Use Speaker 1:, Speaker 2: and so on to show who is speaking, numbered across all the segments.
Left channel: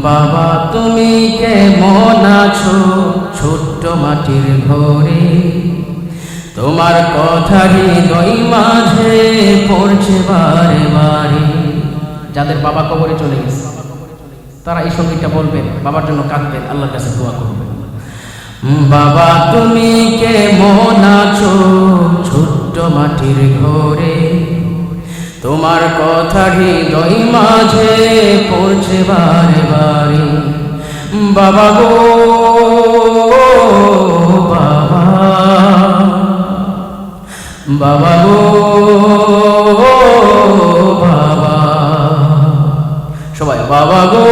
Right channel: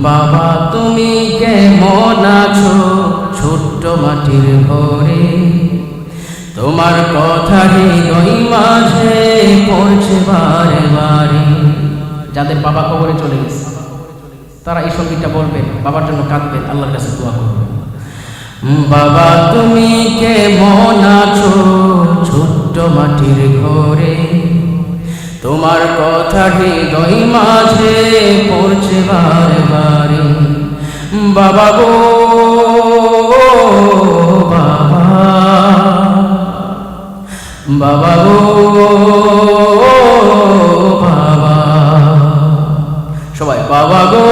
Speaker 1: বাবা, তুমি কেমন আছো? ছোট্ট মাটির ঘরে। তোমার কথা হৃদয় মাঝে পড়ছে বারে বারে। যাদের বাবা কবরে চলে গেছে, তারা এই সঙ্গীতটা বলবেন, বাবার জন্য কাঁদবেন, আল্লাহর কাছে দোয়া করবেন। বাবা, তুমি কেমন আছো? ছোট্ট মাটির ঘরে। তোমার কথা হৃদয় মাঝে পড়ছে বারে বারে বাবা গো, বাবা। বাবা গো, বাবা। সবাই, বাবা গো,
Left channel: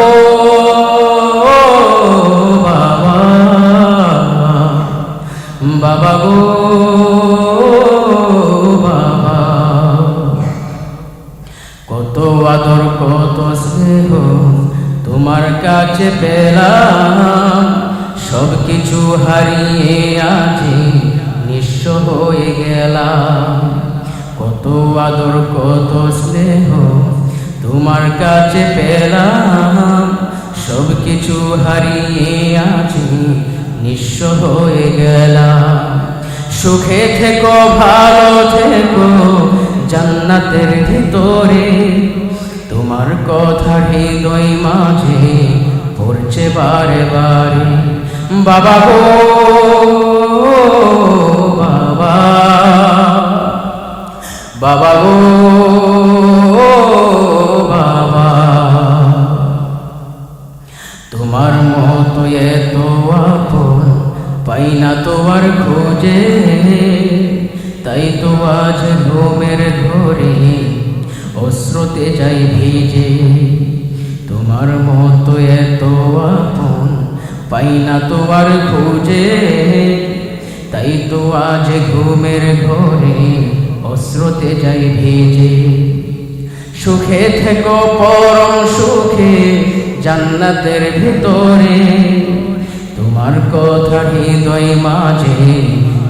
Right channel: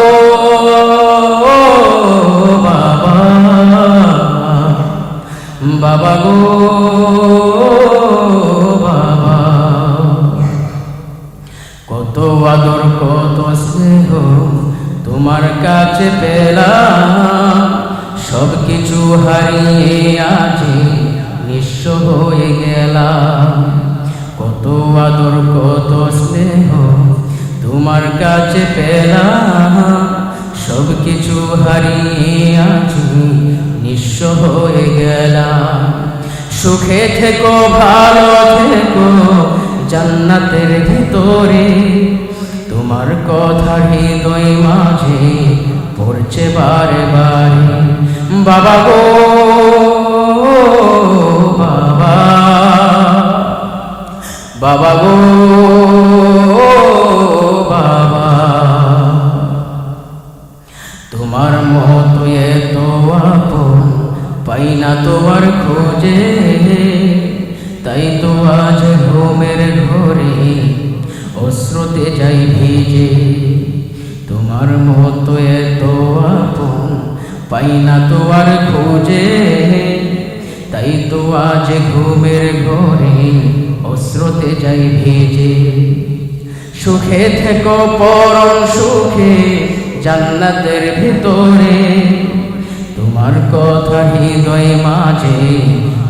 Speaker 1: বাবা। বাবা গো কত আদর, কত স্নেহ তোমার কাছে পেলাম। সব কিছু হারিয়ে আজে নিঃস্ব হয়ে গেলাম। কত আদর, কত স্নেহ তোমার কাছে পেলাম। সব কিছু হারিয়ে আছি নিঃস্ব হয়ে গেলাম। সুখে থেকো, ভালো থেকো জান্নাতের ভিতরে। তোমার কথা হৃদয় মাঝে পড়ছে বারে বারে বাবা গো, বাবা। বাবা গো, বাবা। তোমার মতো এত আপন পাই না তোমার খোঁজে। তাই তো আজ ঘুমের ঘরে অশ্রুতে যাই ভিজে। তোমার মতো এত আপন পাই না তোমার খোঁজে। তাই তো আজ ঘুমের ঘরে অশ্রুতে যাই ভিজে। সুখে থেকো পরম সুখে জান্নাতের ভিতরে। তোমার কথা হৃদয় মাঝে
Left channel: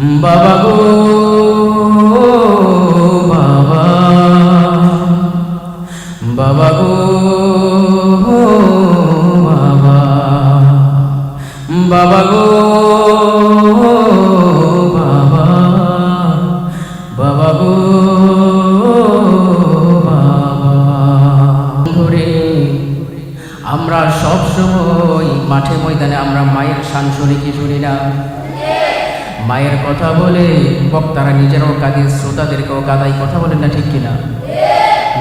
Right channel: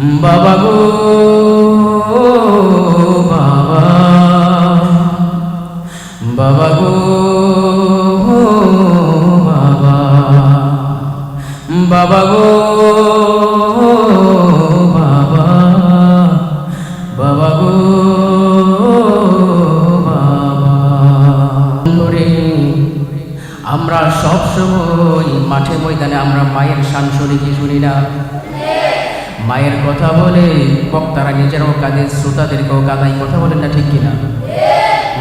Speaker 1: বাবা গো, বাবা। বাবা গো, বাবা। বাবা গো, বাবা। বাবা গো, বাবা। ধরে আমরা সব সময় মাঠে ময়দানে আমরা মায়ের শান শুনি কি শুনি না? মায়ের কথা বলে বক্তারা নিজেরাও কাঁদে, শ্রোতাদেরকেও কাদাই কথা বলেন না ঠিক কিনা?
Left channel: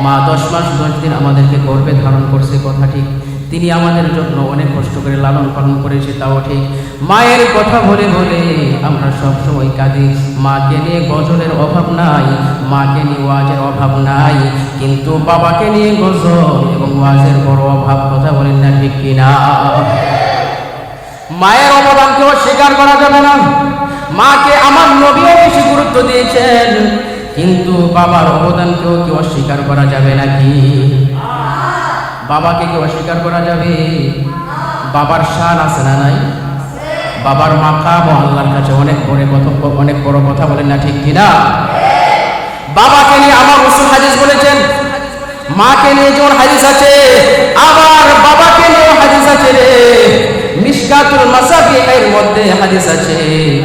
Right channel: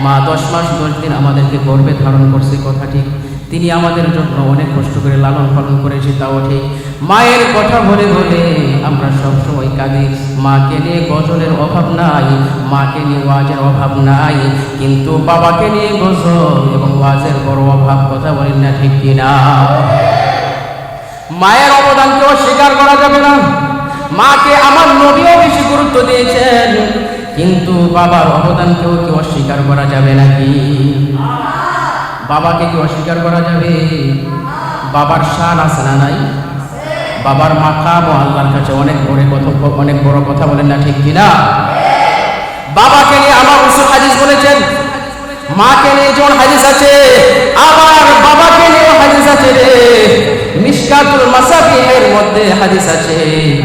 Speaker 1: মা দশ মাস, দশ দিন আমাদেরকে গর্বে ধারণ করছে, কথা ঠিক। তিনি আমাদের জন্য অনেক কষ্ট করে লালন পালন করেছে, তাও ঠিক। মায়ের কথা বলে বলে আমরা সব সময় কাঁদি। মাকে নিয়ে গজলের অভাব নাই, মাকে নিয়ে ওয়াজের অভাব নাই, কিন্তু বাবাকে নিয়ে গজল এবং ওয়াজের বড় অভাব, কথা বলেন না ঠিক কিনা? মায়ের অবদানকে স্বীকার করা যাবে না। মাকে আমার নবীও বেশি গুরুত্ব দিয়েছেন। কিন্তু বাবার অবদানকেও কি অস্বীকার করা যাবে নাকি? বাবাকে কি অস্বীকার করা যাবে? বাবার শান আছে না নাই? বাবার মাকাম ও আল্লাহর কাছে অনেক বড় কথা, অনেক বড় কথা বলেন না ঠিক কিনা? বাবাকে নিয়ে আমার উসুল হাদিস বলেছেন মাকে নিয়ে যেমন হাদিস আছে, আবার বাবাকে নিয়েও হাদিস আছে রে। মিশকাতুল মাসাবিহের মধ্যে হাদিস আছে।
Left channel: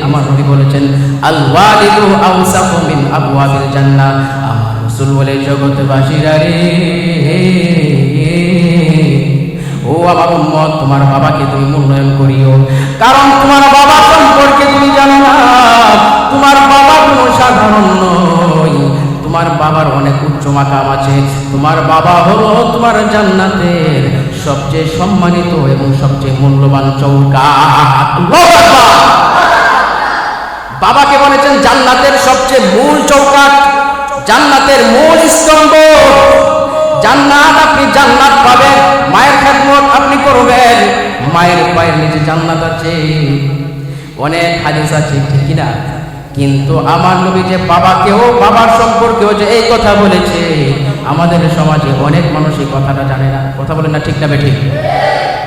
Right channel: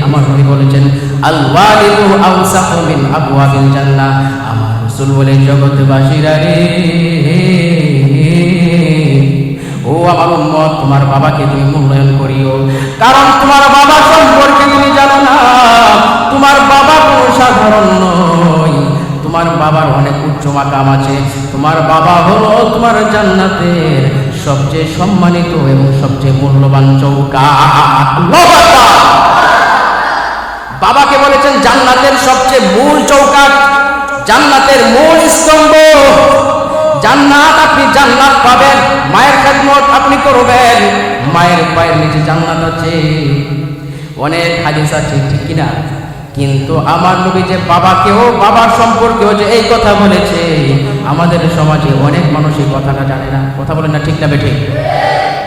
Speaker 1: আমার নবী বলেছেন, আল ওয়ালিদু আওসাকু মিন আবওয়াবিল জান্নাহ। আমার রাসূল বলে, জগৎবাসীরা রে। ও আমার উম্মত, তোমার বাবাকে তুমি মূল্যায়ন করিও। কারণ তোমার বাবা সম্পর্কে তুমি জানো না। তোমার বাবা কোনো সাধারণ নয়। তোমার বাবার অনেক উচ্চ মাকাম আছে। তোমার বাবা হলো তোমার জান্নাতের সবচেয়ে সম্মানিত এবং সবচেয়ে মূল্যবান চৌকাট বাবাকে বলেছেন, জান্নাতের সবচেয়ে মূল চৌকাট জান্নাতের মূল স্তম্ভ। জান্নাত আপনি জান্নাত পাবেন, মায়ের খেদমত আপনি করবেন, মায়ের পায়ের নিচে জান্নাত আছে। অনেক হাদিস আছে, ঠিক কিনা? কিন্তু আমার নবী যে বাবাকেও, বাবার সম্পর্কেও যে এই কথা বলেছে, আমাদের সমাজে অনেক মানুষ এই কথাটা জানে না। কথা বলেন না, ঠিক না ঠিক?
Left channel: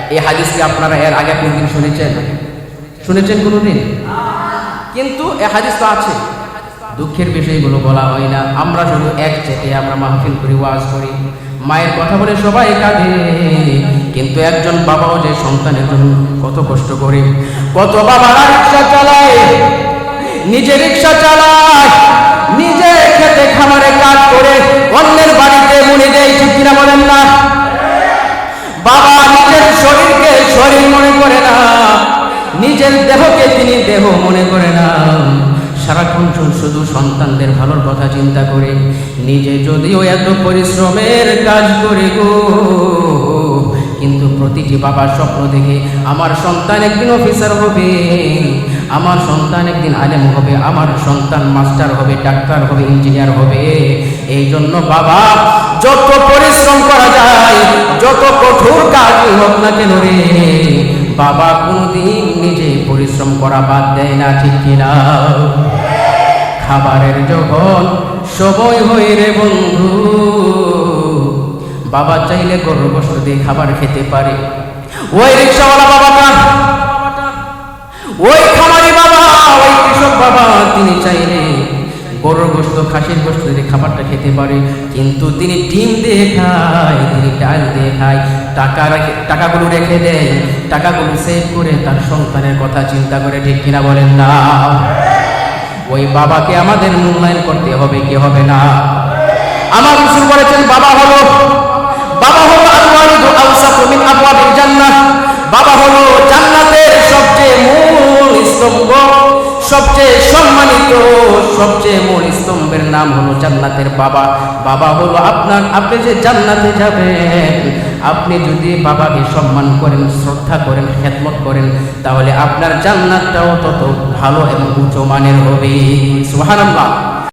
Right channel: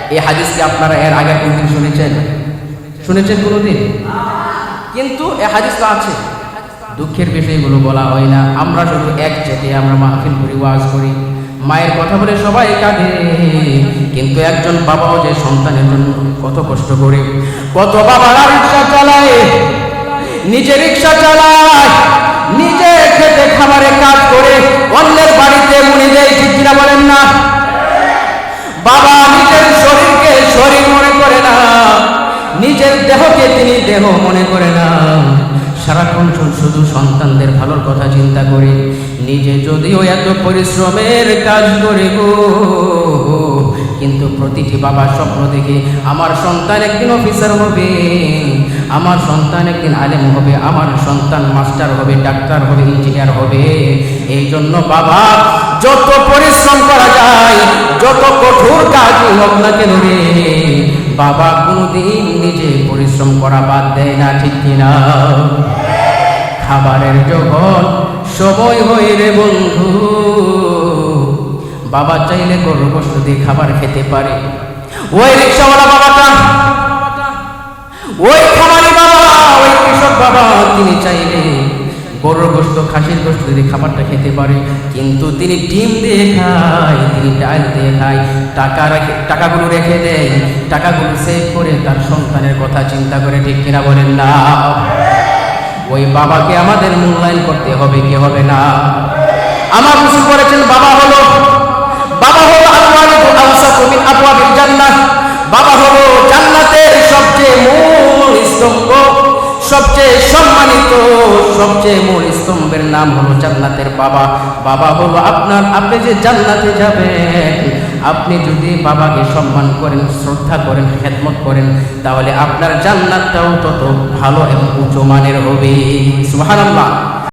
Speaker 1: এই হাদিস কি আপনারা এর আগে কোনদিন শুনেছেন? শুনেছেন কোনোদিন? কিন্তু এ হাদিস তো আছে। দুঃখের বিষয়গুলো বলা হয় না। আমরা শুধু এক চেটে আমরা মাহফিল করি, ওয়াজ করি। মায়ের কথা বলে সবাই কাঁদে। কিন্তু একজন বাবাও যে সন্তানের জন্য কত কষ্ট করে, কত বাবারা রিক্সা চালায় নিজে রিক্সা চালায়, নিজে খেতে খামারে কাজ করে, অন্যের বাড়িতে মুনি দেয়, ঠিক কিনা বলেন না? বাবা নিজের শরীরকে শরীর মনে করে না, নিজের দেহকে তিনি দেহ মনে করে না। সারাক্ষণ শুধু সন্তানদের ভালোর কথা চিন্তা করে, নিজে যদিও এত পরিশ্রমের কাজ করে গো কিন্তু প্রতিটি বাবা স্বপ্ন দেখে আমার সন্তান একদিন অফিসার হবে, আমার সন্তান একদিন আলেম হবে, আমার সন্তান মাস্টার হবে ডাক্তার হবে ইঞ্জিনিয়ার হবে। এই জন্য বাবা, যত পরিশ্রম করা যায়, যত কঠোর কাজই হোক না কেন রে, বাবা কোনোদিন নিজে পরিশ্রম করা বাদ দেয় না, ঠিক কিনা? খাবারের যখন সময় হয় রে বন্ধু বাবা চাইলে গরু গোস্ত দিয়ে খাবার খেতে পারে। ওই রিক্সাওয়ালা বাবাটা, ওই খামারি বাবা, ওই কৃষক বাবা, তিনি চাইলে গরুর গোস্ত খাসির গোস্ত দিয়ে খাবারটা খেতে পারে। কিন্তু তিনি ডিম দিয়ে খায়, তিনি ডাল দিয়ে খায়, টাকা রেখে, টাকাগুলো রেখে দেয়, টাকাগুলো সেভ করে তার সন্তানের কথা চিন্তা করে, ঠিক কিনা বলেন না? ওই বাবাকে আমাদের মূল্যায়ন করতে হবে, কি হবে না? আমার রসুল বলেছেন, বাবা হলো বাবা হলো আল ওয়ালিদু আওসাফু মিন আবওয়াবিল জান্নাহ। বাবা হলো জান্নাতের সবচেয়ে মূল স্তম্ভ, সবচেয়ে সম্মানিত, সবচেয়ে মূল স্তম্ভের নাম হলো জান্নাতের বাবা। বাবা হলো আপনার, আপনি যে জান্নাতে যাবেন, আপনি যদি বাবাকে সম্মান করেন, শ্রদ্ধা করেন, খেদমত করেন, তাহলে আপনার জান্নাতটাও তত ভালো এবং উচ্চ মানের হবে। সুবহানাল্লাহ।